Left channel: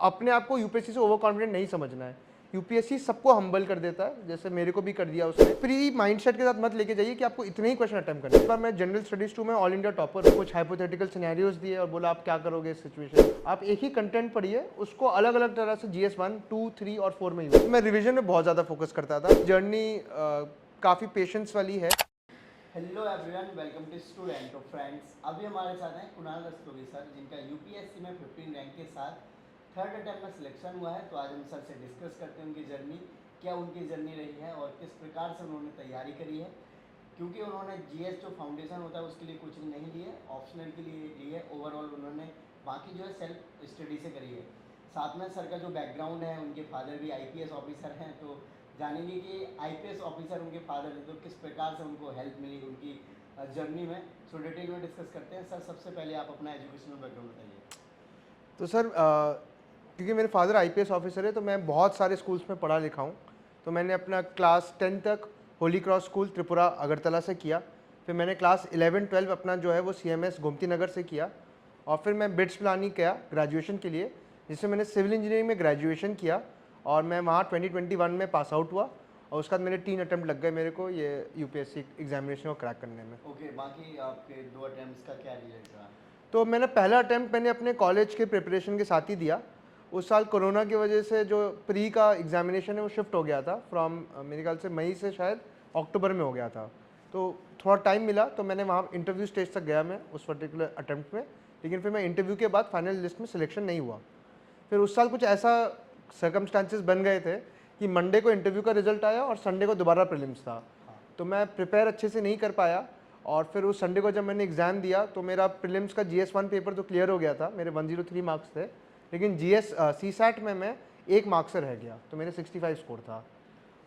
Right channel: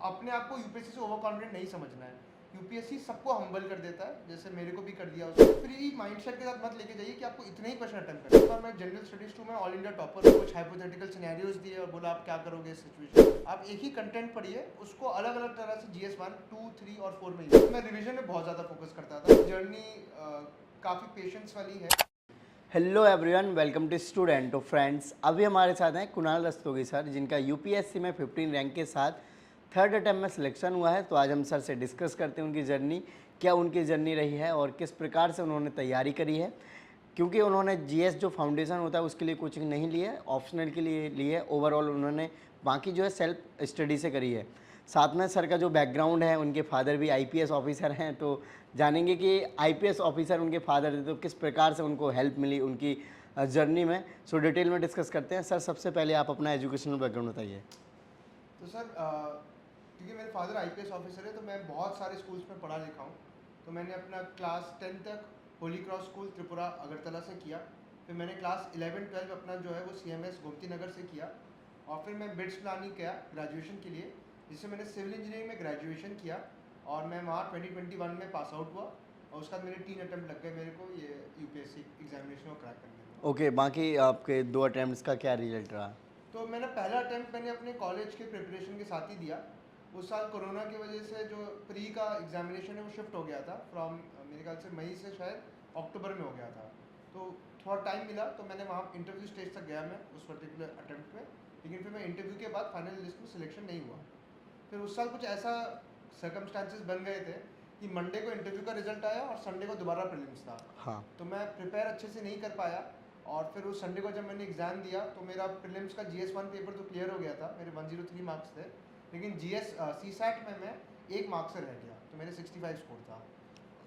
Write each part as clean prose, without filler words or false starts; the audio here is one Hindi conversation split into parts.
अपने आप को यूपीएससी से ओवर कॉन्फिडेंट नहीं समझना है। यूपीएससी सबको हम्बल कर देता है, जैसे मेरे को भी कर दिया उसने। फ्री माइंडसेट के साथ मत लेके जाइए कि आपको इतने ही क्वेश्चन अटेम्प्ट करना है। इस बार मैं जनरल स्टडीज 2 में ऑल इंडिया टॉपर, कुछ हाइपोथेटिकल सिनेरियोज दिए और बोला आप क्या करोगे इस सिचुएशन। आप एक ही कंटेंट पढ़िए, उसको अलग अलग तरह से GS 1, 2, 3 और 4 में यूज। मैं रिविजन में बहुत ज़्यादा फोकस करता था। जर्नी काफ़ी पेशेंस वाली है। Hello everyone, welcome to student. तो फ्रेंड्स, अभी हमारे साथ हैं कुणाल रस्तोगी सर, जिनका यूपीएससी में 15 रैंक के साथ थर्ड अटेम्प्ट में सिलेक्शन हुआ है। तो आज हम सर से डिस्कस करते हैं उनकी जर्नी, क्या उनकी जर्नी रही है और किस प्रकार से उन्होंने तैयारी करी है। क्योंकि उन्होंने जीएस जो फाउंडेशन होता है उसके लिए कोचिंग नहीं ली है, ऑप्शनल के लिए ली है। ओवरऑल उन्होंने बाकी जो है सेल्फ स्टडी से करी है। साथ में सर का जो बैकग्राउंड है, उनके फादर भी आईपीएस ऑफिसर हैं, तो जानेंगे कि आईपीएस ऑफिसर उनके फादर थे तो किस प्रकार से उनको हेल्प मिली उनकी जर्नी में। सो डिटेल में डिस्कस करते हैं। सर, सबसे पहले आप अपना एजुकेशनल बैकग्राउंड बताइए। तो सर क्योंकि मेरे फादर आईपीएस ऑफिसर है, तो मैं बहुत सारे स्कूल्स में पढ़ा लिखा हूँ। तो मैंने अपना क्लास 10 तक होली क्रॉस स्कूल त्रिपुरा अगरतला से किया। फिर मैंने क्लास 11-12 अपना जो है वो CMS गोमती नगर से किया। और फिर मैं बिट्स प्लानिंग किया ग्रेजुएशन के लिए, जिससे मैंने सिविल इंजीनियरिंग में ग्रेजुएशन किया और मैं वहाँ 2021 में पास आउट हुआ। और उसके बाद मेरे 3 अटैम्प्ट लग गए मेरे को ये यूपीएससी एग्जामिनेशन को क्रैक करने में। ओके, बाकी आपके 2 अटैम्प्ट्स का क्या रिजल्ट रहा? तो मैंने पहला अटैम्प्ट मैंने अपने कॉलेज के प्रिपरेशन के साथ ही दिया। उस साल कोरोना की वजह से जो प्री का एग्जामिनेशन है वो शिफ्ट हो गया था फ्रॉम मेरे ख्याल से मई से शायद अक्टूबर में हो गया था। तो थोड़ा टाइम मिला, तो मैंने वहाँ इंटरव्यू स्टेज तक गया मैं उस पर्टिकुलर अटैम्प्ट में। लेकिन फिर मैं इंटरव्यू के बाद फाइनल लिस्ट में सिलेक्शन नहीं हुआ। फिर उस साल कुछ ऐसा सर्कमस्टांसेस बन गए थे कि मंडे को इंटरव्यू का रिजल्ट आया और संडे को दोबारा प्रीलिम्स था। हाँ। तो मैं प्रिपेयर अच्छे से नहीं कर पाया। और फिर उस संडे को जब मैंने एग्ज़ाम दिया तो मेरा प्रीलिम्स का GS 1 पेपर तो क्लियर हो गया था, मेरे 103 मार्क्स थे। लेकिन CSAT में मैं 1 मार्क्स से रह गया, तो मेरे 65 स्कोर था।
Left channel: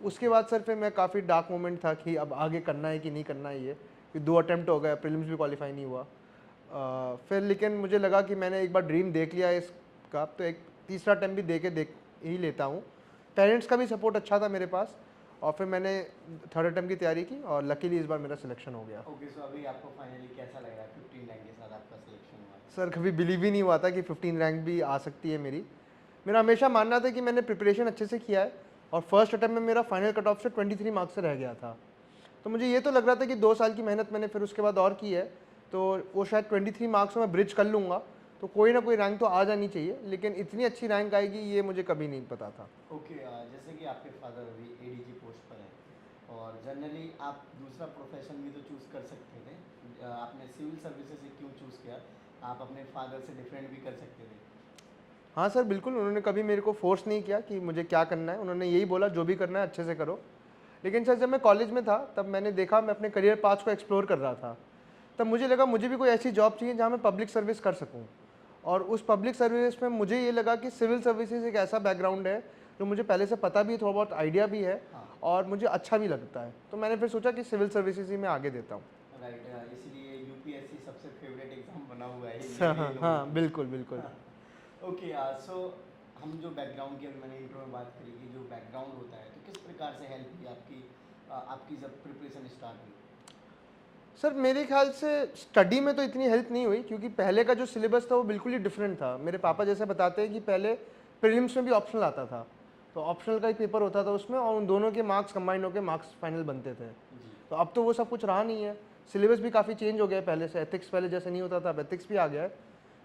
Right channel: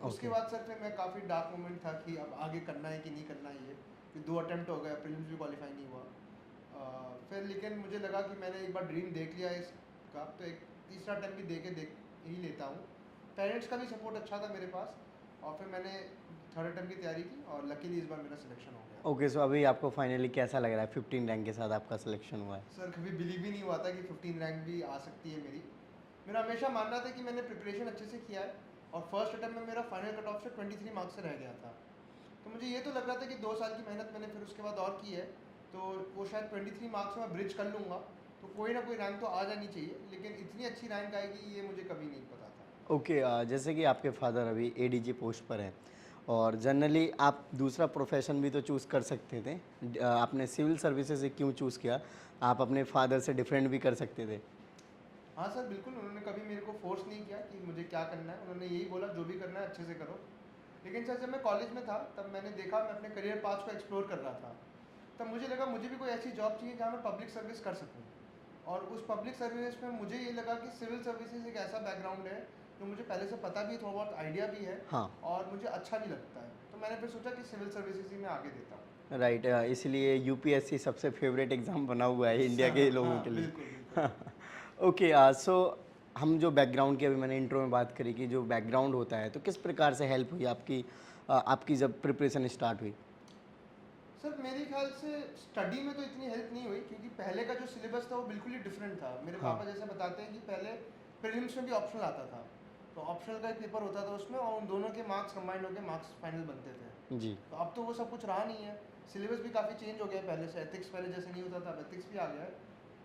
उसके बाद सर फिर मैं काफ़ी डार्क मोमेंट था कि अब आगे करना है कि नहीं करना है ये, कि 2 अटैम्प्ट हो गए, प्रीलिम्स भी क्वालिफाई नहीं हुआ। फिर लेकिन मुझे लगा कि मैंने एक बार ड्रीम देख लिया इसका, तो एक तीसरा अटैम्प्ट भी देख ही लेता हूँ। पेरेंट्स का भी सपोर्ट अच्छा था मेरे पास, और फिर मैंने थर्ड अटैम्प्ट की तैयारी की और लकीली इस बार मेरा सिलेक्शन हो गया। ओके, सो अभी आपको फाइनली कैसा लग रहा है 15 रैंक के साथ आपका सिलेक्शन हुआ है? सर कभी बिलीव ही नहीं हुआ था कि 15 रैंक भी आ सकती है मेरी। मेरा हमेशा मानना था कि मैंने प्रिपरेशन अच्छे से किया है और फर्स्ट अटैम्प्ट में मेरा फाइनल कट ऑफ से 23 मार्क्स से रह गया था। तो मुझे ये तो लग रहा था कि 2 साल की मेहनत मैंने फिर उसके बाद और की है, तो वो शायद 23 मार्क्स में ब्रिज कर लूँगा, तो कोई ना कोई रैंक तो आ जानी चाहिए। लेकिन इतनी अच्छी रैंक आएगी ये मुझे कभी नहीं पता था। ओके, जैसे कि आपके फादर अभी ADG पोस्ट पर हैं और जनरली आप दूसरा प्रोफेशन भी तो चूज़ कर सकते थे, आपने सिविल सर्विसेज से क्यों चूज़ किया? आप अपने फादर से डिफरेंट भी कर सकते थे। हाँ सर बिल्कुल, उन्होंने कभी मेरे को फोर्स नहीं किया कि मुझे क्या करना है। उन्होंने यही बोला जो भी करना है अच्छे से करो। लेकिन सर जब मैं कॉलेज में था तब मैंने देखा, मैं अपने करियर पाथ को एक्सप्लोर कर रहा था, तब मुझे लगा मुझे भी कोई ऐसी जॉब चाहिए जहाँ मैं पब्लिक सर्विस कर सकूँ। और उस पब्लिक सर्विस में मुझे ये लगा कि सिविल सर्विसेज एक ऐसा बैकग्राउंड है जो मुझे पहले से पता भी है, थोड़ा बहुत आइडिया भी है। हाँ। और मुझे अच्छा भी लगता है, तो मैंने फिर सोचा कि सिविल सर्विसेज ही मैं आगे देता हूँ। राइट, इसलिए यूपीएससी सबसे फेवरेट एग्जाम बना हुआ है इंडिया के लोगों के लिए। बिल्कुल बिल्कुल। ओके, सो हम जो बैकग्राउंड की अभी मैंने इंट्रो में बात करी कि जो बैकग्राउंड होता है, तो किस प्रकार से हेल्प हुई आपकी जब प्रिपरेशन स्टार्ट हुई? सर मेरे ख्याल से स्टडी में तो इतनी हेल्प नहीं हुई, क्योंकि पहले का जो सिलेबस था वो बिल्कुल ही डिफरेंट था। मेरे पापा जैसे बताते हैं कि पहले प्रीलिम्स में भी ऑप्शनल आता था, तो ऑप्शनल का एक पेपर होता था उसमें, और उन दोनों के मार्क्स कंबाइंड होकर मार्क्स फाइनल बनते थे जी। तो अब तो वो सब कुछ रहा नहीं है। सिलेबस भी काफ़ी चेंज हो गया है पहले से। एथिक्स पहले जैसे नहीं होता था, अब एथिक्स भी आ गया है।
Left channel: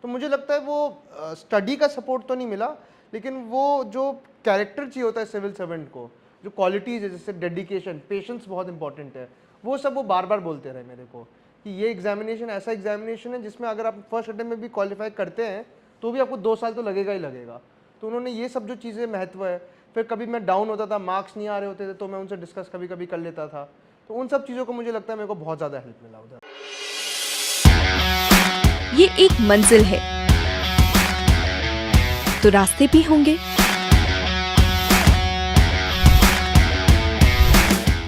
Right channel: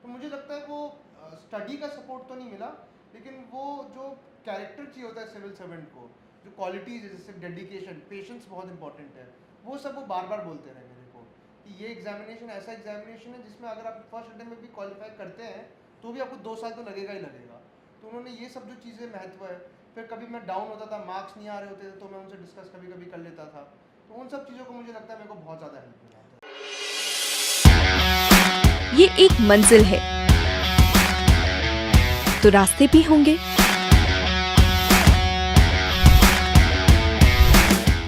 तो मुझे लगता है वो स्टडी का सपोर्ट तो नहीं मिला, लेकिन वो जो कैरेक्टर चाहिए होता है सिविल सर्वेंट को, जो क्वालिटीज़ है जैसे डेडिकेशन, पेशेंस बहुत इंपॉर्टेंट है, वो सब वो बार बार बोलते रहे मेरे को कि ये एग्जामिनेशन ऐसा एग्जामिनेशन है जिसमें अगर आप फर्स्ट अटेम्प्ट में भी क्वालिफाई करते हैं तो भी आपको 2 साल तो लगेगा ही लगेगा। तो उन्होंने ये सब जो चीज़ें महत्व है। फिर कभी मैं डाउन होता था, मार्क्स नहीं आ रहे होते थे, तो मैं उनसे डिस्कस कभी कभी कर लेता था। तो उन सब चीज़ों को मुझे लगता है मेरे को बहुत ज़्यादा हेल्प मिला उधर। ये एक मंजिल है तो रास्ते भी होंगे,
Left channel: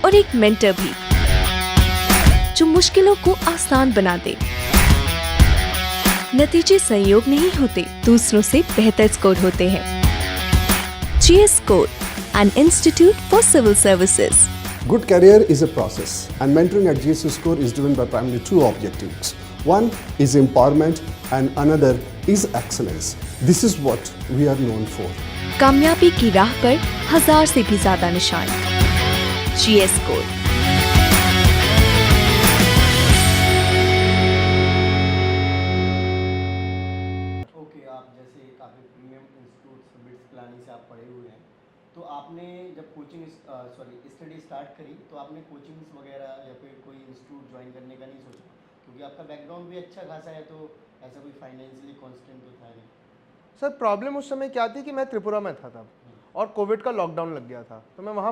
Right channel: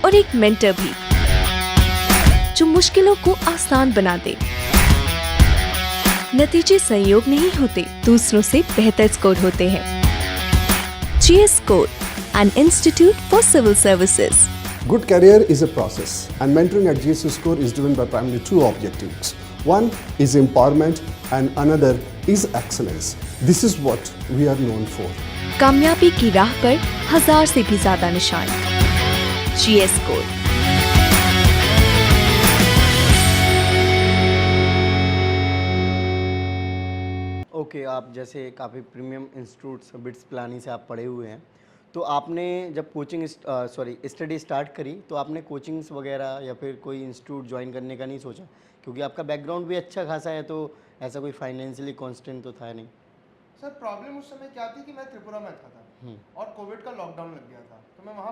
और एक मेंटर भी जो मुश्किलों को आसान बना दे। नतीजे संयोग नहीं होते, दूसरों से बेहतर स्कोर होते हैं। GS Score, an institute for civil services. Good career is a process, and mentoring at GS Score is driven by primarily 2 objectives. One is empowerment and another is excellence. This is what we are known for. कामयाबी की राह पर 1000 से भी ज्यादा निशान। GS code. ओके आप जैसे काफ़ी प्रीमियम इंस्टीट्यूट्स बिट्स पिलानी से आप पढ़े हुए हैं, तो आपने जब कोचिंग स्टडी स्टार्ट करी तो आपने कोचिंग्स वगैरह या फिर कोई इंस्टीट्यूट ज्वाइन करने का नहीं सोचा? क्योंकि आपका बैकग्राउंड भी अच्छा खासा है, तो ऐसा कोई फाइनेंशियली कॉन्स्टेंट तो था नहीं। सर प्रॉब्लम उस समय क्या थी कि मैं त्रिपुरा में था तब और कोविड का लॉकडाउन लग गया था, तो मैं वहाँ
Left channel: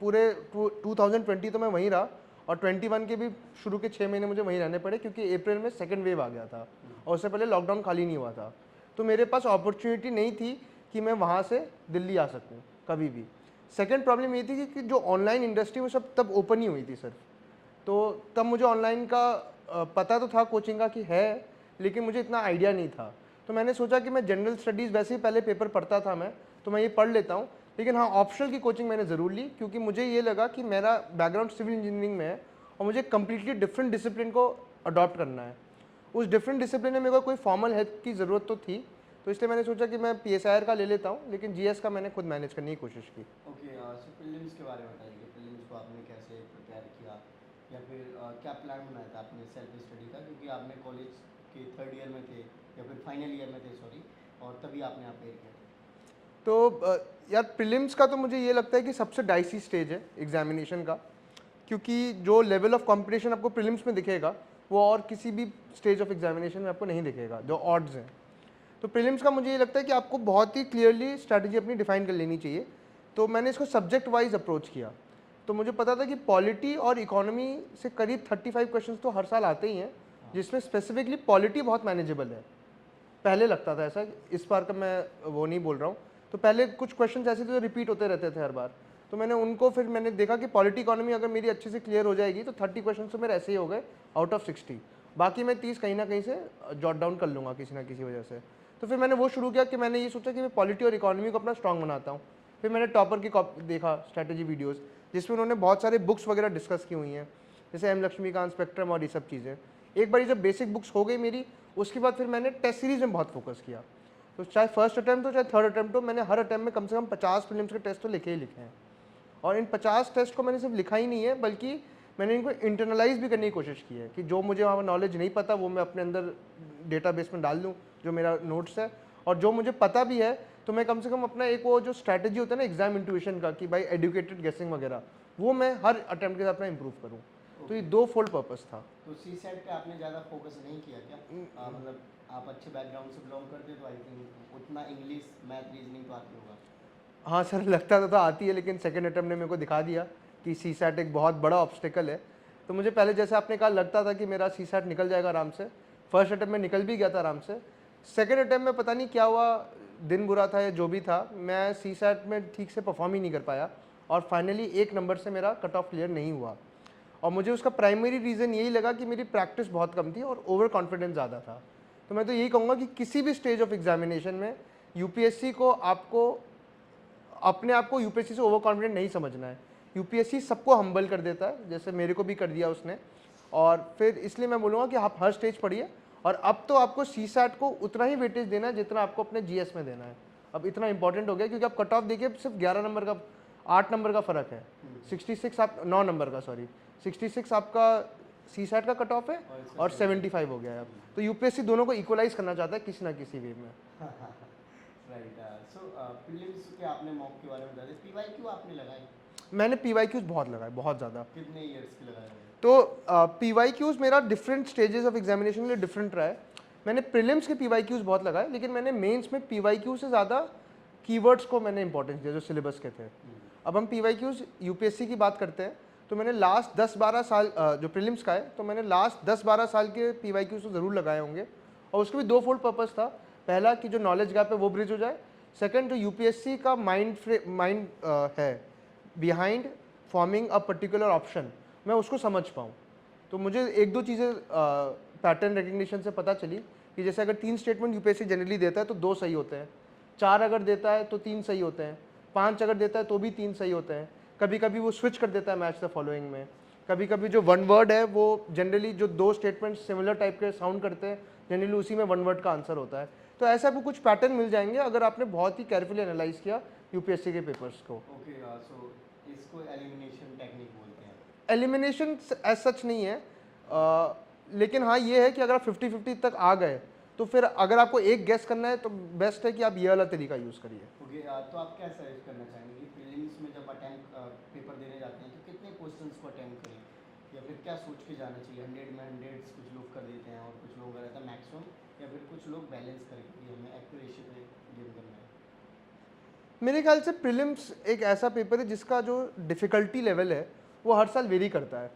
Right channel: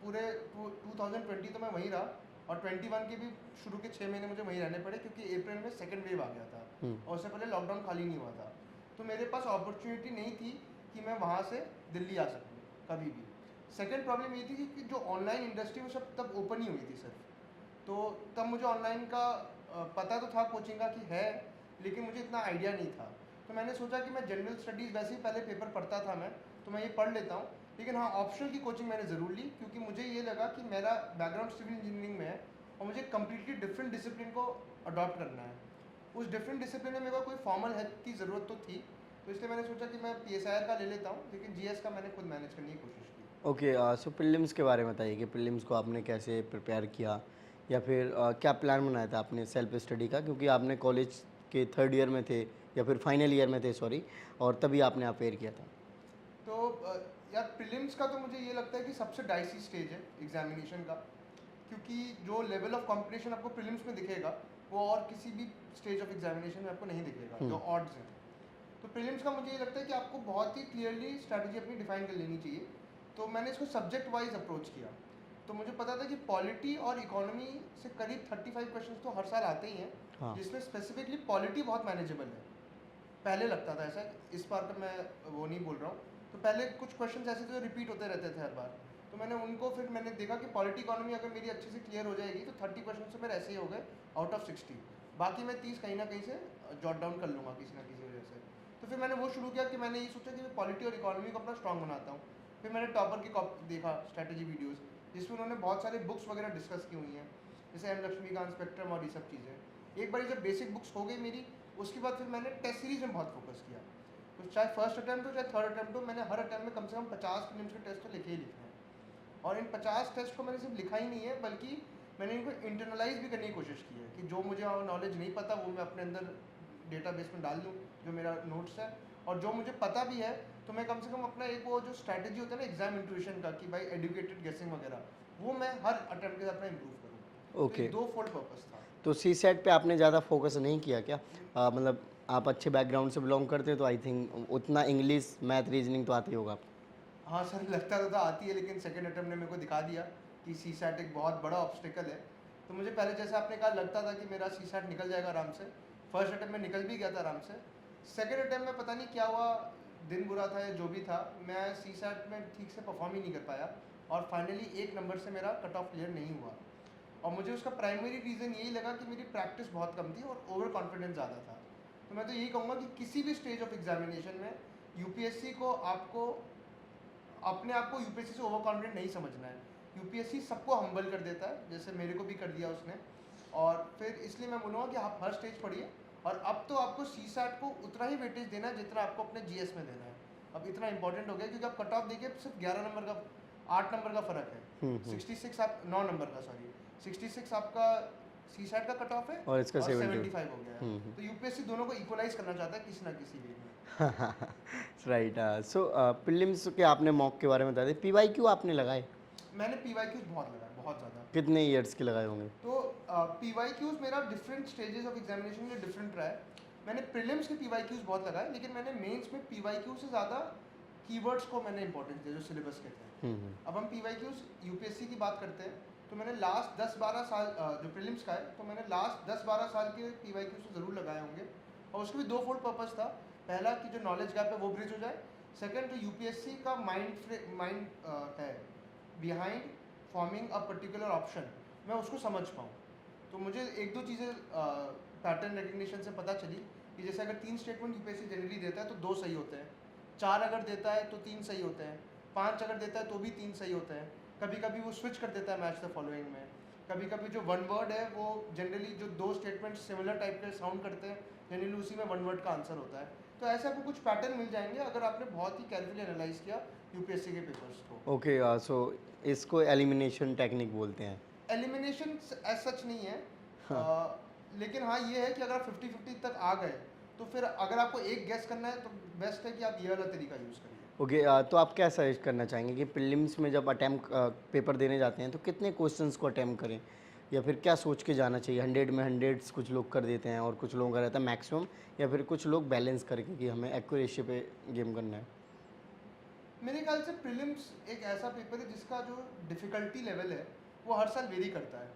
पूरे 2020 तो मैं वहीं रहा और 21 के भी शुरू के 6 महीने मुझे वहीं रहने पड़े क्योंकि अप्रैल में सेकंड वेव आ गया था और उससे पहले लॉकडाउन खाली नहीं हुआ था। तो मेरे पास अपॉर्चुनिटी नहीं थी कि मैं वहाँ से दिल्ली आ सकूँ कभी भी। सेकंड प्रॉब्लम ये थी कि जो ऑनलाइन इंडस्ट्री वो सब तब ओपन ही हुई थी सर, तो तब मुझे ऑनलाइन का पता तो था कोचिंग का कि है, लेकिन मुझे इतना आइडिया नहीं था। तो मैंने सोचा कि मैं जनरल स्टडीज़ वैसे ही पहले पेपर पढ़ता था मैं, तो मैं ये पढ़ लेता हूँ, लेकिन हाँ ऑप्शनल की कोचिंग मैंने ज़रूर ली क्योंकि मुझे ये लगा कि मेरा बैकग्राउंड सिविल इंजीनियरिंग में है और मुझे कम्प्लीटली डिफरेंट डिसिप्लिन को अडॉप्ट करना है। उस डिफरेंट डिसिप्लिन में मेरे को कोई फॉर्मल हेल्प की ज़रूरत तो थी, तो इसलिए मैंने सोचा कि मैं PSIR का ले लेता हूँ, लेकिन GS का मैंने खुद मैनेज करने की कोशिश की। ओके सो प्रीलिम्स के बारे में बताइए कि प्रीलिम्स को आपने कैसे प्रिपेयर किया या फिर क्या प्लान बनाया था आपने सेल्फ स्टडी का, क्योंकि आपने कॉलेज के थर्ड ईयर में थे या फिर फाइनल ईयर में थे सॉरी, और तभी आपने अपेयर किया था? तो यार प्रीलिम्स का तो मुझे ये लगता है कि सबसे डाइसी स्टेज है एग्जामिनेशन का, क्योंकि जो लेवल ऑफ कंपटीशन आपको प्रीलिम्स में दिखेगा वो और किसी भी स्टेज ऑफ एग्जामिनेशन में आपको नहीं दिखेगा, जो ऑड्स हैं। तो प्रीलिम्स का मुझे ये लगता है कि आपको बहुत ही क्लियरली स्ट्रैटेजी अपनी डिफाइन कर लेनी चाहिए। तो मैंने इसको सब्जेक्ट वाइज अप्रोच किया, तो मुझे पता था कि पॉलिटी और इकोनॉमी से करीब 35 क्वेश्चंस तो हर साल आते ही हैं, जिसमें स्पेसिफिकली पॉलिटी बहुत मैनेजेबल है। पहले लगता था ऐसा, इस बार का मैं वो नहीं बोल रहा हूँ। तो पहले कुछ क्वेश्चंस ऐसे थे जो रिपीट होते रहते थे हर बार, तो मैंने उनको फिर मैंने देखा कि पॉलिटी इकोनॉमी अगर मेरी अच्छे से क्लियर हो जाएगी तो 30 क्वेश्चन तो मेरे ऐसे ही हो गए आउट ऑफ 60, बाकी मैं 30 कहीं ना कहीं से जॉट डाउन कर लूँगा किसी ना किसी वजह से। तो फिर मैंने वो शुरू किया कि मैंने ये सोचा कि मैं पॉलिटी और इकोनॉमी को अपना स्ट्रॉन्ग बनाता हूँ। फिर मैंने टॉपर की देखा स्ट्रैटेजी वीडियोज़, जिसमें उन्होंने बहुत सारे बुक्स वगैरह डिस्कस की हुई हैं, जैसे M लक्ष्मीकांत, स्पेक्ट्रम और ये सब चीज़ें। एक बार जब बेसिक बुक्स हो गई मेरी, उसके बाद फिर मैंने टेस्ट सीरीज़ में बहुत फोकस किया। तो चाहे फर्स्ट अटैम्प्ट हो चाहे थर्ड अटैम्प्ट हो, मैंने हर अटैम्प्ट में कम से कम 50 प्रीलिम्स के टेस्ट तो लिखे ही लिखे हैं। और इन 50 टेस्ट को मैंने सिर्फ लिखा ही नहीं है, बल्कि मैंने इनको इंटरनलाइज भी करने की कोशिश की है कि जो मुझे वहाँ नॉलेज नहीं पता वो मैं अपने अंदर डेटाबेस में डाल दूँ, जो मेरा नोट्स है, और जो मुझे पता भी है तो मैं कम से कम अपना एक वो जो स्ट्रैटेजी होता है ना एग्जाम इंट्यूशन का कि भाई एडुकेटेड गेसिंग वगैरह, वो मैं हर अटैम्प्ट के साथ अपना इंप्रूव करूँ। तो ये दो फोल्ड पर्पस था। तो CSAT पे आपने ज़्यादा फोकस नहीं किया क्या? मतलब आप अच्छे बैकग्राउंड से बिलोंग करते तो आई थिंक उतना इंग्लिश मैथ रीजनिंग तो आती होगा। हाँ सर, लगता तो आती है, लेकिन सेकंड अटैम्प्ट ने मेरे को दिखा दिया कि CSAT एक बहुत बड़ा ऑब्स्टिकल है। तो मुझे पहले जैसे आपने कहा लगता था कि मेरा CSAT निकल जाएगा आराम से, फर्स्ट अटैम्प्ट में निकल भी गया था आराम से। सेकंड अटैम्प्ट में पता नहीं क्या हुआ, दिन बुरा था या जो भी था, मैं CSAT में ठीक से परफॉर्म ही नहीं कर पाया और फाइनली 1 नंबर से मेरा कट ऑफ क्लियर नहीं हुआ। और मुझे उसका प्राइमरी रीज़न यही लगा कि मेरी प्रैक्टिस बहुत कम थी और ओवर कॉन्फिडेंस ज़्यादा था। तो मैं तो यही कहूँगा कि किसी भी स्टेज ऑफ एग्जामिनेशन में UPSC को आपको अपने आप को UPSC से ओवर कॉन्फिडेंट नहीं समझना है। UPSC सबको हम्बल कर देता है, जैसे मेरे को भी कर दिया उसने। और फिर इसलिए मैं बोलूँगा कि आप हर स्टेज पढ़िए, और अब तो आपको CSAT को उतना ही वेटेज देना है जितना आपको अपने GS में देना है। अब इतना इंपॉर्टेंट हो गया क्योंकि आप कट ऑफ देखिए सिर्फ 11 नंबर का 8 नंबर का फ़र्क है। 66 आप 9 नंबर का 66 आपका CSAT का कट ऑफ है और इसका और 75 हो गया है। तो UPSC दोनों को इक्वलाइज करना चाहता है किसी ना किसी वे में। राइट। सो प्रीलिम्स के आपने मॉक के बारे में बताया, PYQ आपने लगाए? मैंने PYQs बहुत लगाए, बहुत ज़्यादा। कितने ईयर्स के लगाए होंगे? तो PYQs मेरा डिफरेंट स्टेजेस ऑफ एग्जामिनेशन के लिए डिफरेंट रहा है। मैंने प्रीलिम्स के PYQs बहुत लगाए, लेकिन मैंने मेंस में PYQ से ज़्यादा कीवर्ड्स को मैंने इंपॉर्टेंस दिया जो सिलेबस के थे। अब हम PYQs UPSC की बात करते हैं, तो मैंने लास्ट 10-12 साल जो प्रीलिम्स का है, तो मैंने लास्ट 10-12 साल के PYQs तो ज़रूर लगाए होंगे, और उसके भी दो फोल्ड पर्पस था। पहला कि जो नॉलेज गैप है वो ब्रिज हो जाए, सेकंड जो UPSC का माइंड है behind forming a particular option, मैं उसको समझ पाऊँ। तो मुझे एक दो चीज़ें पैटर्न रिकग्निशन से पता चली कि जैसे अगर 3 स्टेटमेंट UPSC जनरली देता है तो 2 सही होते हैं, 4 अगर देता है तो 3 सही होते हैं, 5 अगर देता है तो भी 3 सही होते हैं। कभी कभी वो स्विच कर देता है मैच द फॉलोइंग में। कभी कभी जो वन वर्ड है वो जनरली जो 2 स्टेटमेंट सिमिलर टाइप के साउंड करते हैं, जनरली उसी में वन वर्ड का आंसर होता है। तो ऐसे आपको कुछ पैटर्न मिल जाएंगे अगर आपने बहुत ही केयरफुली एनालाइज किया यूपीएससी के पेपर्स को। ओके, सो इसको एलिमिनेशन टेक्निक बोलते हैं। एलिमिनेशन एज सच नहीं है, लेकिन हाँ ये है कि अगर आप 50-50 तक आ गए तो फिर अगर आपको एक गेस करना है तो बेस्ट है कि आप ये वाला तरीका यूज़ करिए। ओके, तो आप क्या सजेस्ट करना चाहेंगे कि प्रीलिम्स में जब अटैम्प्ट पेपर देने जाते हैं तो कितने क्वेश्चंस को अटैम्प्ट करें, या फिर क्या सोच के जाना चाहिए? 100 में 100 कुछ लोग कर देते हैं और कुछ लोगों का रहता है मैक्सिमम, या फिर कुछ लोग बैलेंस करके कि हमें एक्यूरेसी पे गेम करना है? मेरे ख्याल से प्रीलिम्स एक ऐसा पेपर है जिसका जो डिफ़िकल्टी लेवल है वो हर साल वेरी करता है।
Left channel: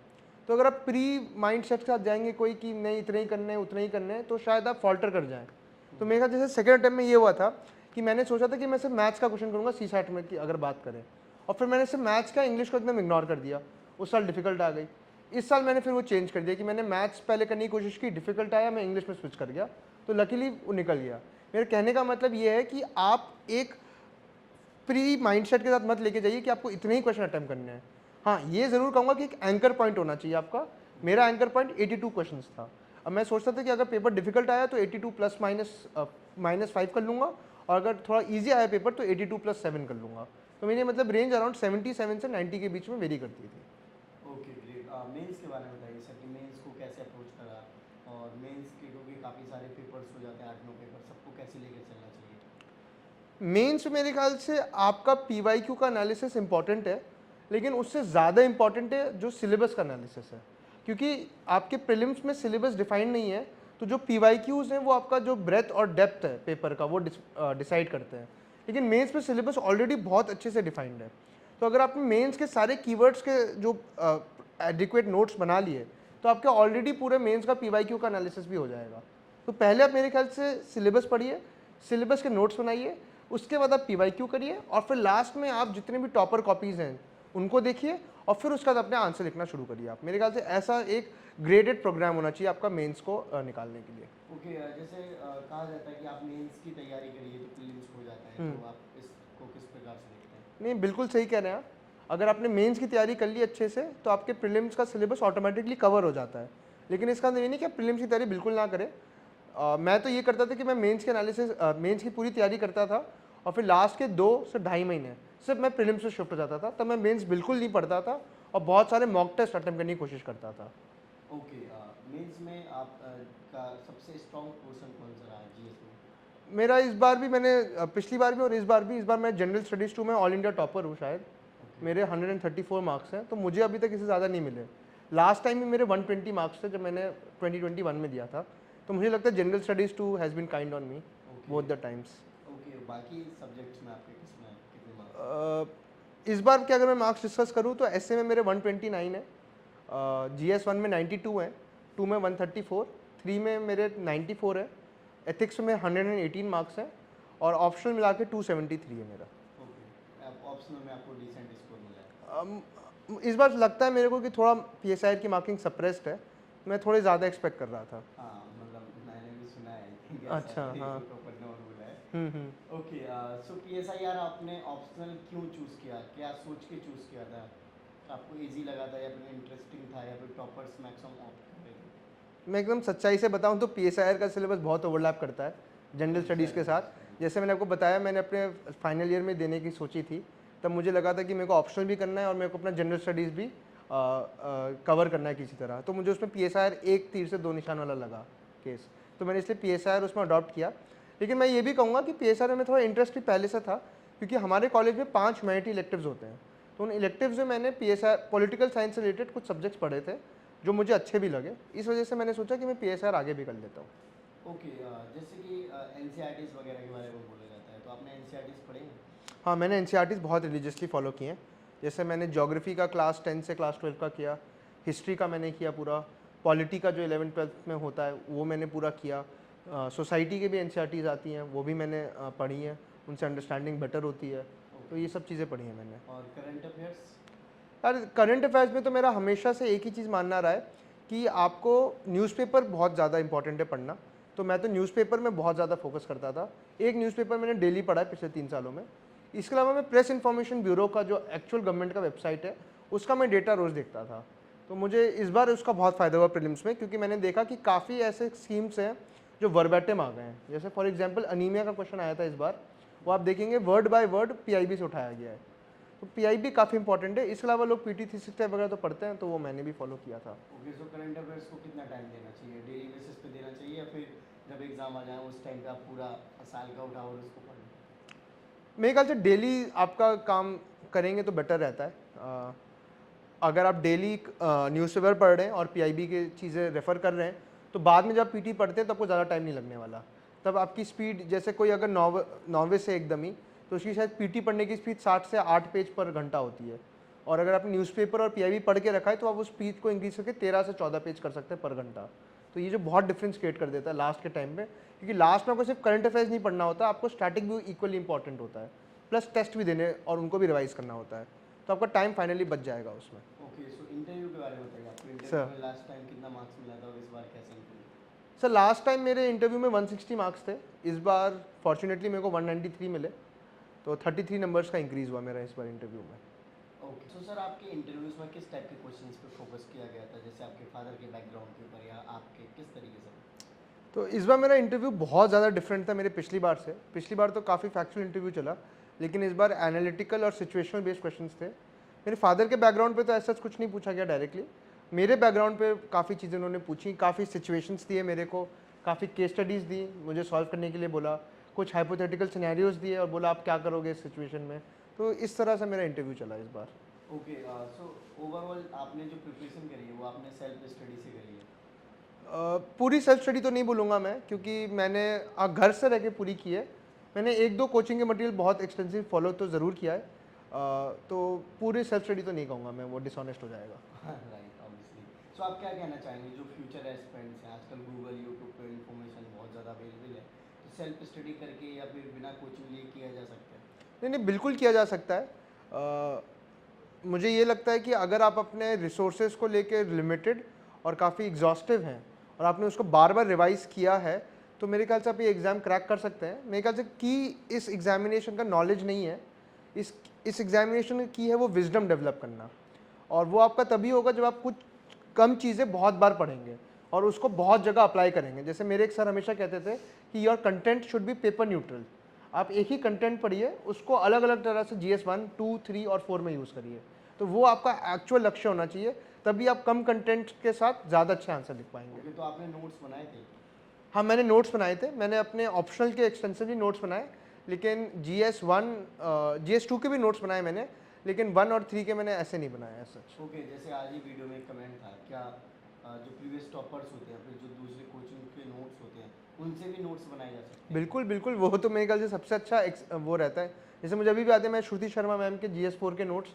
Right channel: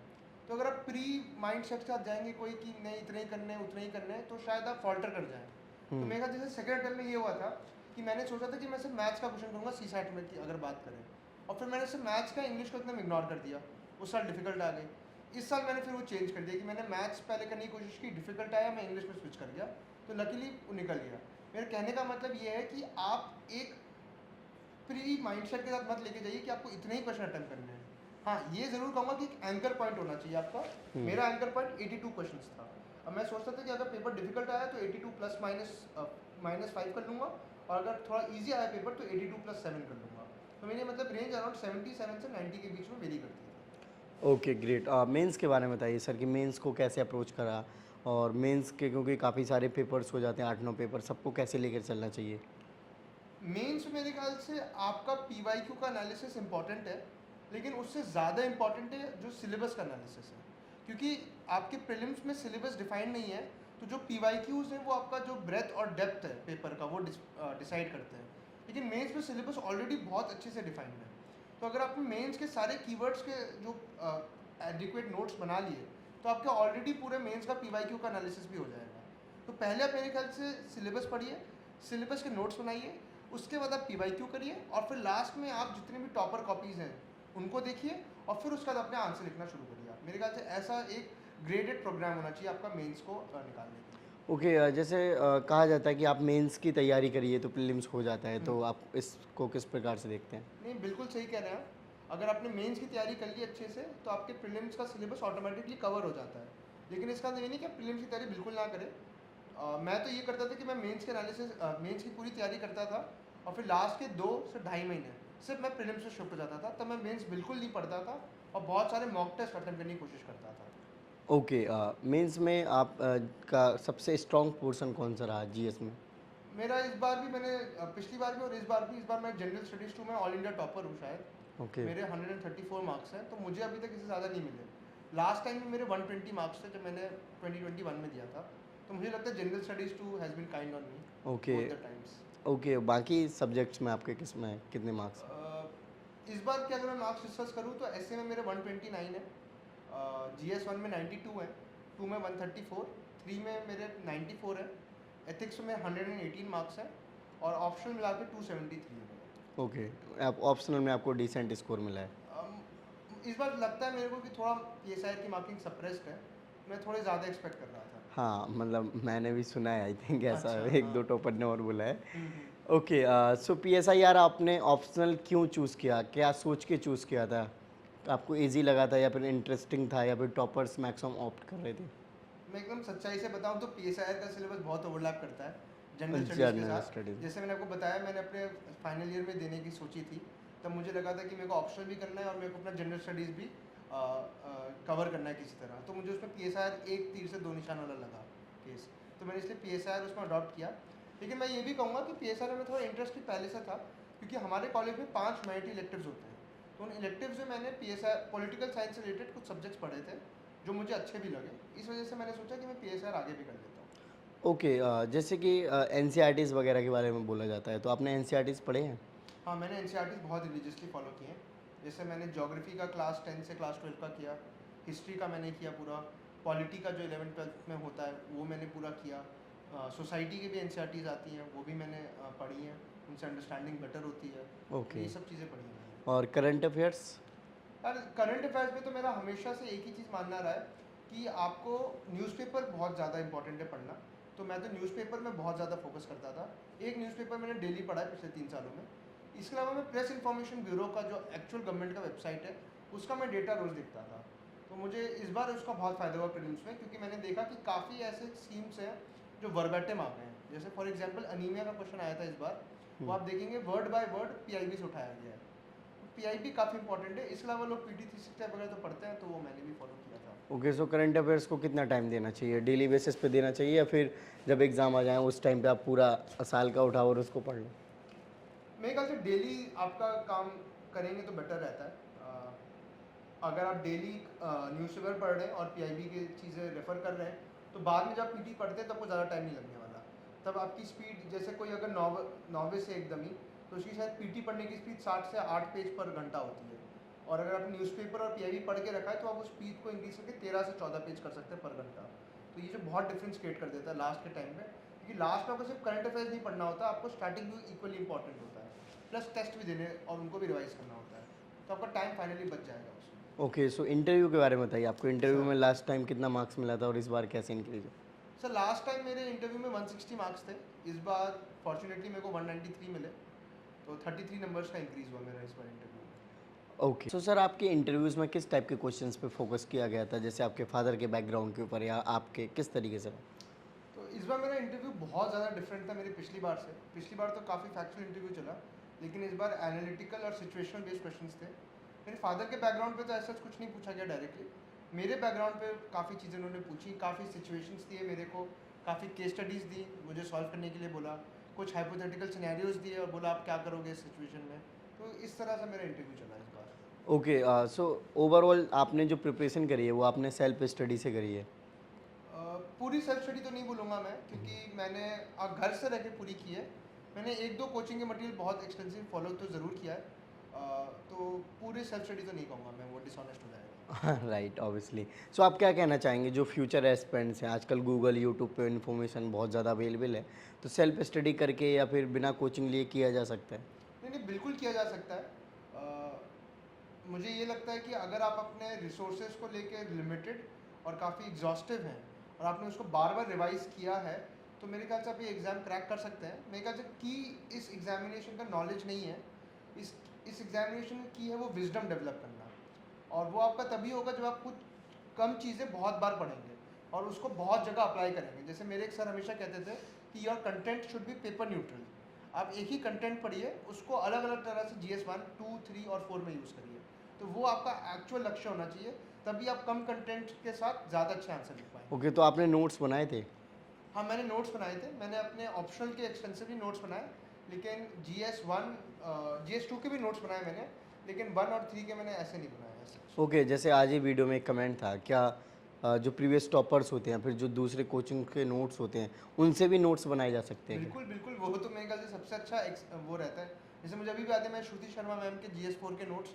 तो अगर आप प्री माइंड सेट के साथ जाएंगे कोई कि नहीं इतने ही करने हैं उतने ही करने हैं, तो शायद आप फॉल्टर कर जाएं। तो मेरे ख्याल जैसे सेकंड अटेम्प्ट में ये हुआ था कि मैंने सोचा था कि मैं सिर्फ मैथ्स का क्वेश्चन करूँगा CSAT में की अगर बात करें, और फिर मैंने सिर्फ मैथ्स का इंग्लिश को एकदम इग्नोर कर दिया। उस साल डिफिकल्ट आ गई। इस साल मैंने फिर वो चेंज कर दिया कि मैंने मैथ्स पहले करने की कोशिश की, डिफिकल्ट आया, मैं इंग्लिश में स्विच कर गया, तो लकीली वो निकल गया। मेरे कहने का मतलब ये है कि आप एक प्री माइंडसेट के साथ मत लेके जाइए कि आपको इतने ही क्वेश्चन अटेम्प्ट करने हैं। हाँ ये ज़रूर कहूँगा कि एक एंकर पॉइंट होना चाहिए आपका। मेरा एंकर पॉइंट 82 क्वेश्चंस था। अब मैं सोचता था कि अगर पेपर डिफिकल्ट आया तो 82 प्लस -5 कर लूँगा, और अगर थोड़ा इजी आया पेपर तो 82 + 7 कर लूँगा। तो मेरी मतलब रेंज अराउंड 77 से 90 के बीच में वेरी करती थी। Okay great. मेंस के बारे में बताइए सर कि मेंस को कैसे अप्रोच करा, और मेंस के क्योंकि काफ़ी सारे पेपर्स हो जाते हैं, 8-9 पेपर, सबको कैसे लेकर चलना चाहिए? मेंस मेरे ख्याल से आपका PYQ का एनालिसिस इंपॉर्टेंट है, लेकिन उससे ज़्यादा इंपॉर्टेंट है जो सिलेबस का एनालिसिस है, क्योंकि आपके प्रीलिम्स में सिलेबस डिफाइन नहीं है, तो जो PYQs हैं वो आपका जो ब्रेथ और डेप्थ है पेपर का वो डिसाइड करते हैं। लेकिन मेंस में सिलेबस ऑलरेडी बहुत अच्छे से डिफाइंड है। तो अगर आपने मेंस के सारे कीवर्ड्स के जो एडिक्वेट नोट्स बना लिए तो आपके ऑलरेडी पूरे मेंस का PYQ का एनालिसिस भी हो जाएगा। तो पहले आप मेरे ख्याल से सिलेबस पढ़िए, सिलेबस के नोट्स बनाइए, उसके बाद आप PYQ करिए, और फिर लास्ट में आप जितने भी टॉपर कॉपीज़ हैं उनको देखिए, और फिर उसके बाद अपने आंसर लिखना शुरू करिए। आप मेरे ख्याल से ऐसा एक ग्रेडेड प्रोग्राम होना चाहिए आपका मेंस को निकालने के लिए। ओके, जैसे कहा जाता है कि आप मेंस की तैयारी करिए तो प्रीलिम्स हो जाता है, तो आप इसको किस प्रकार से देखते हैं? नहीं बिल्कुल सही कह रहे हैं आप। अगर आपने मेंस की तैयारी कर ली अच्छे से तो आपके प्रीलिम्स का सिलेबस ऑटोमेटिकली कवर हो जाता है। लेकिन इसका मतलब ये नहीं कि आप प्रीलिम्स की तैयारी बिल्कुल ना करें। मैं तो ये करता था कि मैं मेंस के एनालिसिस मेंस की पूरी तैयारी करता था, और फिर लास्ट के 2 से ढाई महीने सिर्फ मैं प्रीलिम्स से शिफ्ट हो जाता था। तब मैं मेंस बिल्कुल नहीं पढ़ता था और बहुत सारे मॉक टेस्ट अटेम्प्ट करने की कोशिश करता था। ओके, मेंस में आप का सबसे स्ट्रॉन्ग पोर्शन कौन सा रहा GS में? मेरा इस बार भी, मैंने पिछली बार भी और इस बार मैं जनरल स्टडीज़ 2 में ऑल इंडिया टॉपर हूँ शायद। ओके, मेरे 134 मार्क्स हैं, तो मुझे अभी तक इससे ज़्यादा नहीं मिले। लास्ट टाइम भी मेरे 120 मार्क्स थे जब मैंने 2021 में दिया था। तो मुझे लगता है general studies 2 has been kind on me okay, both the times. Okay. बाकी सब्जेक्ट्स में आपके किस में कितने मार्क्स? इस बार के अगर मैं मार्क्स डिस्कस करूँ तो ऐसे में मेरे 129 है, GS 1 में 92 है, 2 में 134, 3 में मेरे 94 है, एथिक्स में 118 मार्क्स है, और ऑप्शनल मिला के 273 है मेरा। ओके, आप ऑप्शनल में आपको डिसेंट स्कोर मिला है। इस बार लगता है मेरे को कि थोड़ा PSIR की मार्किंग सप्रेस्ड है, मैं थोड़े ज़्यादा एक्सपेक्ट कर रहा था। हाँ, मतलब मैंने भी सुना है, आई थिंक ऐसा अच्छा, एक हाँ। दो टॉपर ने और बोला है। ओके, सो PSIR आपने ऑप्शनल क्यों चूज़ किया? क्या सोच के चूज़ किया था? आपको इजी लगा था, या फिर इंटरेस्टिंग था, या फिर टॉपर्स मैक्सिमम ऑप्ट कर रहे थे? मैं एकदम सच्चाई से बताऊं तो PSIR का सिलेबस बहुत ओवरलैप करता है जनरल स्टडीज़ के जनरल साथ। स्टडीज़। जैसे मैंने आपको बताया, मैंने अपने फाइनल ईयर में देने की सोची थी, तब मुझे लगा था कि मेरे को ऑप्शनल भी करना है और मेरे को अपना जनरल स्टडीज़ भी कवर करना है किसी तरह। तो मुझे उसमें PSIR एक तीर से 2 निशान वाला लगा केस, तो मैंने इसलिए PSIR उसमें अडॉप्ट किया। लेकिन मैं ये भी कहूँगा कि PSIR में थोड़ा इंटरेस्ट भी पहले से था, क्योंकि हमारे कॉलेज में 5 ह्यूमैनिटी इलेक्टिव्स होते हैं। तो उन इलेक्टिव्स में मैंने PSIR पॉलिटिकल साइंस से रिलेटेड कुछ सब्जेक्ट्स पढ़े थे जो मुझे अच्छे भी लगे। इस वजह से मैंने सोचा कि मैं PSIR आगे भी कर लेता हूँ। ओके, जैसे कि NCERTs वगैरह के बारे में बोला जाता है, तो आपने NCERTs पढ़े हैं? हाँ, मैंने NCERTs बहुत रिलीजियसली फॉलो किए हैं। जैसे मैंने ज्योग्राफी का क्लास 10 से क्लास 12 का किया, हिस्ट्री का मैंने किया पूरा, पॉलिटी का जो 11th-12th में होता है वो मैंने पूरा किया, सोसाइटी के भी NCERTs आती हैं वो भी मैंने पढ़ी हैं, उनसे अंडरस्टैंडिंग बेटर होती है। तो ये सब चीज़ें पढ़ी हैं मैंने। और करंट अफेयर्स? यार करंट अफेयर्स में तो मेरा हमेशा से एक ही चीज़ मानना रहा है कि आपको न्यूज़पेपर बहुत ज़्यादा इंपॉर्टेंट है पढ़ना। तो मैं तो न्यूज़पेपर में बहुत ज़्यादा फोकस करता था। एक न्यूज़पेपर मैंने डेली पढ़ा है पिछले 3 सालों में। इसके अलावा मैं प्रेस इन्फॉर्मेशन ब्यूरो का जो एक्चुअल गवर्नमेंट का वेबसाइट है उसका मैं डेटा रोज़ देखता था। तो मुझे इस बार उसका बहुत फ़ायदा हुआ प्रीलिम्स में, क्योंकि मैंने देखा कि काफ़ी ऐसे स्कीम्स हैं जो वर्बैटिम आ गए हैं। जैसे फॉर एग्जांपल अनीमिया का क्वेश्चन आया था इस बार, वो आप देखेंगे वर्ड बाय वर्ड पीआईबी से उठाया गया है। तो पीआईबी काफ़ी इंपॉर्टेंट है। इसके अलावा लोग पीटी 365 वगैरह तो पढ़ते हैं, तो वो मैंने भी फॉलो किया था। ओके, सो करंट अफेयर्स को कितना टाइम देना चाहिए? डेली बेसिस पे देना चाहिए या फिर जब एग्ज़ाम आ जाए उस टाइम पे आप पूरा साल का उठाओ और उसको पढ़ लो? मेरे ख्याल से डेली आपका काम करेंगे तो बेटर रहता है। अगर आप डेली न्यूज़पेपर पढ़ रहे हैं और पीआईबी की चीज़ें रेफ़र कर रहे हैं, तो बाद में जब पीटी पढ़ते हैं तो आपको ज़्यादा टाइम नहीं लगने वाला। तब आपकी स्पीड, जैसे कोई अगर नॉविस है एकदम ही, तो उसकी शायद पीटी पढ़ने की स्पीड 60 से 8 पेज पर घंटा होती है। और अगर आपने न्यूज़पेपर और पीआईबी पढ़ के रखा है तो आप उस स्पीड को इंक्रीज करके 13 से 14 पेज कर सकते हैं पर घंटा। तो ये जो बहुत डिफरेंस क्रिएट कर देता है लास्ट के टाइम पे, क्योंकि लास्ट में आपको सिर्फ करंट अफेयर्स नहीं पढ़ना होता, आपको स्टैटिक भी इक्वली इंपॉर्टेंट होता है, प्लस टेस्ट भी देने और उनको भी रिवाइज करना होता है। तो आपका टाइम फाइनली बच जाएगा उसमें। ओके, सो इंटरव्यू के बारे में बताइए। आपको इंटरव्यू Sir. में लास्ट टाइम कितना मार्क्स मिला था और इस बार कैसे इंक्रीज? सर लास्ट टाइम मेरे इंटरव्यू में 160 मार्क्स थे, इस बार फॉर्चुनेटली मेरे को 193 मिले, तो 33 नंबर्स का इंक्रीज़ हुआ मेरा इस बार इंटरव्यू में। ओके, सो सर आपके इंटरव्यूज़ में किस टाइप के क्वेश्चंस पे फोकस किया गया था? जैसे आपके फादर के बैकग्राउंड के ऊपर या आपके किस तरीके से? तो इस बार मेरा इंटरव्यू बहुत ज़्यादा डिफरेंट था मेरे पिछली बार से। पिछली बार तो काफ़ी फैक्चुअल इंटरव्यू चला, लेकिन इस बार एनालिटिकल और सिचुएशनल बेस्ड क्वेश्चंस थे। मेरे फादर के बैकग्राउंड पे तो ऐसा कुछ नहीं पूछा गया डायरेक्टली, मेरे बैकग्राउंड पे काफ़ी चीज़ें उन्होंने पूछी, काफ़ी सिचुएशंस दिए मेरे को, काफ़ी केस स्टडीज़ दी, मुझे सॉल्व करने के लिए बोला, कुछ हाइपोथेटिकल सिनेरियोज दिए और बोला आप क्या करोगे इस सिचुएशन में। तो इस तरह से मेरा इंटरव्यू चला इस बार। ओके, सो ओवरऑल आपने जो प्रिपरेशन करी है वो आपने सेल्फ स्टडी से करी है? पूरी सेल्फ स्टडी तो नहीं बोलूँगा मैं, क्योंकि मैंने घर से रह के पूरी की है। मैंने 1-2 कोचिंग के मटेरियल बहुत एक्सटेंसिव फॉलो तो ज़रूर किया है, तो पूरी सेल्फ स्टडी तो नहीं कहूँगा मैं, वो डिसऑनेस्ट हो जाएगा। Right, obviously. सो आप क्या कहना चाहेंगे जो फ्यूचर एस्पिरेंट्स हैं? आजकल गूगल, यूट्यूब पे इन्फॉर्मेशन बहुत ज़्यादा अवेलेबल है, तो सेल्फ स्टडी करके या फिर बिना कोचिंग लिए किया जा सकता है? नहीं नहीं, बिल्कुल किया जा सकता है। मुझे ये लगता है कि अगर आप अपने रिसोर्सेज को लेके लिमिटेड और काफ़ी एग्जॉस्टिव हैं और आपने उसको बार बार रिवाइज किया है, तो मेरे ख्याल से आप ये एग्ज़ाम क्रैक कर सकते हैं। मेरे ख्याल से की इस एग्जामिनेशन का नॉलेज नहीं है, इस एग्जामिनेशन की है वो विजडम डेवलप करना, और वो आपका तभी होगा जब आप कुछ कम चीज़ें बहुत बार पढ़ेंगे और उसको बहुत जगह अप्लाई करेंगे। जैसे मेरे एक सर हमेशा कहते थे कि your content should be paper neutral. आप एक ही कंटेंट पढ़िए, उसको अलग अलग तरह से GS 1, 2, 3 और 4 में यूज़ करिए। तो वो आपका एक्चुअल लक्ष्य होना चाहिए, तभी आप कम कंटेंट के साथ ज़्यादा अच्छे आंसर लिख पाएंगे। ओके, तो आपने नोट्स बनाए थे? हाँ, मैंने नोट्स बनाए थे, मैंने अपने ऑप्शनल के एक्सटेंसिवली नोट्स बनाए, लेकिन GS 1, GS 2 के भी नोट्स बनाए मैंने, लेकिन 1 और 3 के मैंने ऐसे नहीं बनाए ऐसे। ओके, जैसे आज ही वीडियो में एक कमेंट था, क्या जो प्रीवियस टॉपर्स होते हैं फिर जो दूसरे कोचिंग के नोट्स होते हैं उनसे भी नोट्स बनाए जा सकते हैं? बिल्कुल बिल्कुल, वो तो मेरे ख्याल से सबसे अच्छा वो रहता है। जैसे मुझे अभी भी याद है, मैं श्रुति शर्मा मैम के GS 4 के नोट्स,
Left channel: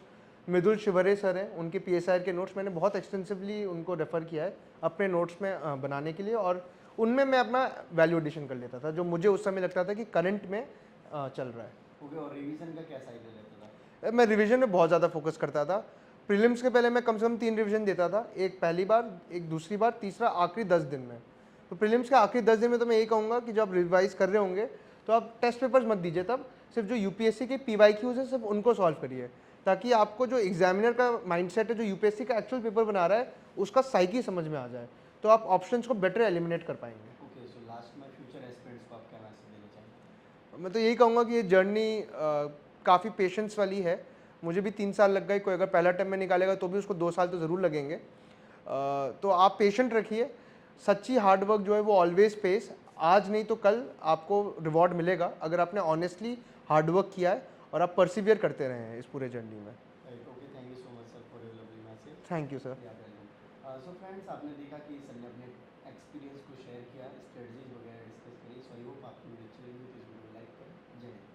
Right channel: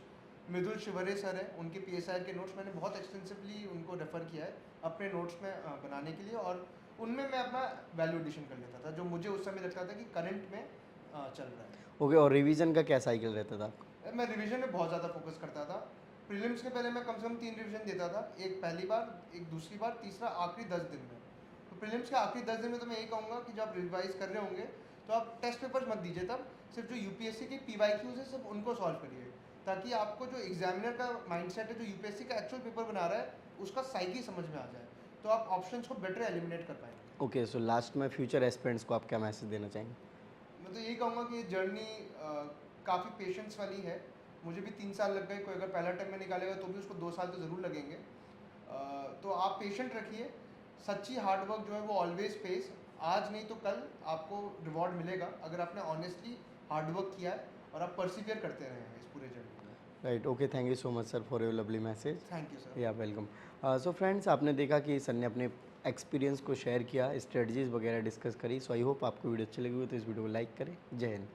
मृदुल शिवरे सर हैं उनके PSI के नोट्स, मैंने बहुत एक्सटेंसिवली उनको रेफ़र किया है अपने नोट्स में बनाने के लिए, और उनमें मैं अपना वैल्यू एडिशन कर लेता था जो मुझे उस समय लगता था कि करंट में चल रहा है। ओके, और रिवीजन का क्या साइकिल रहता था? मैं रिवीजन में बहुत ज़्यादा फोकस करता था। प्रीलिम्स के पहले मैं कम से कम 3 रिवीजन देता था, एक पहली बार, एक दूसरी बार, तीसरा आखिरी 10 दिन में। तो प्रीलिम्स के आखिरी 10 दिन में तो मैं यही कहूँगा कि जब आप रिवाइज कर रहे होंगे तो आप टेस्ट पेपर्स मत दीजिए, तब सिर्फ जो UPSC के PYQs है सिर्फ उनको सॉल्व करिए, ताकि आपको जो एग्जामिनर का माइंडसेट है, जो UPSC का एक्चुअल पेपर बना रहा है, उसका साइकी समझ में आ जाए, तो आप ऑप्शंस को बेटर एलिमिनेट कर पाएंगे। ओके, सो लास्ट में फ्यूचर एस्पिरेंट्स को आप क्या मैसेज देना चाहेंगे? मैं तो यही कहूँगा कि ये जर्नी काफ़ी पेशेंस वाली है। मुझे भी 3 साल लग गए, कोई अगर पहला अटेम्प्ट में निकालेगा तो भी उसको 2 साल तो ज़रूर लगेंगे। तो आप पेशेंट रखिए, सच्ची हार्डवर्क जो है वो ऑलवेज पेस, आज नहीं तो कल आपको रिवॉर्ड मिलेगा अगर आपने ऑनेस्टली हार्डवर्क किया है और आप परसिवियर करते रहे हैं इस पूरे जर्नी में। Right, okay, thank you so much sir for your lovely message. Thank you sir. या वेलकम। सो फ्रेंड्स, आपने देखा कि सर ने अपने एक्सपीरियंस को शेयर किया, स्ट्रेटजीज वगैरह डिस्कस करी। सो आई होप आपको वीडियो अच्छी लगी हो तो इस वीडियो को लाइक करें। जय हिंद।